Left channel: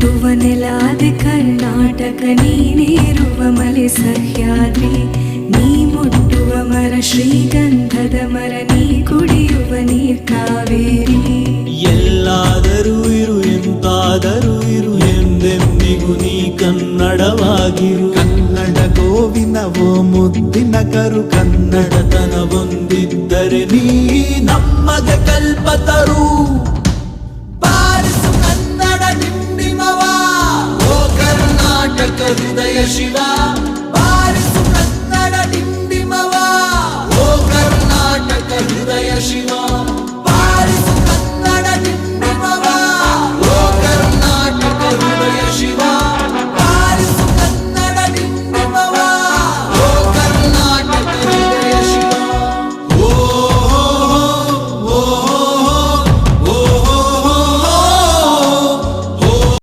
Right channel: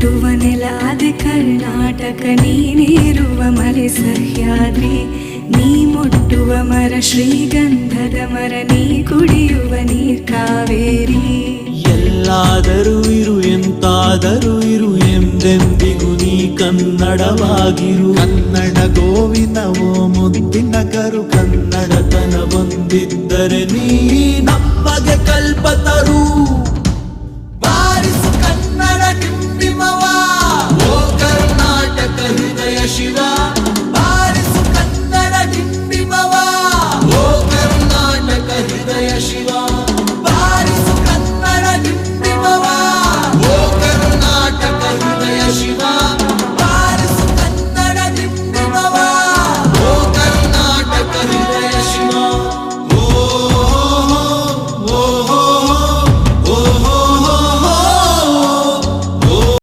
ಹುಟ್ಟುವ ನೆಲಾದೆ ಕರ್ನಾಟಕ, ನೀನೇರುವ ಮಲೆ ಸಹ್ಯಾದ್ರಿ, ನೀ ಮುಟ್ಟುವ ಮರ ಶ್ರೀಗಂಧದ ಮರ, ನೀ ಕುಡಿಯುವ ನೀರ್ ಕಾವೇರಿ. ಎಲ್ಲ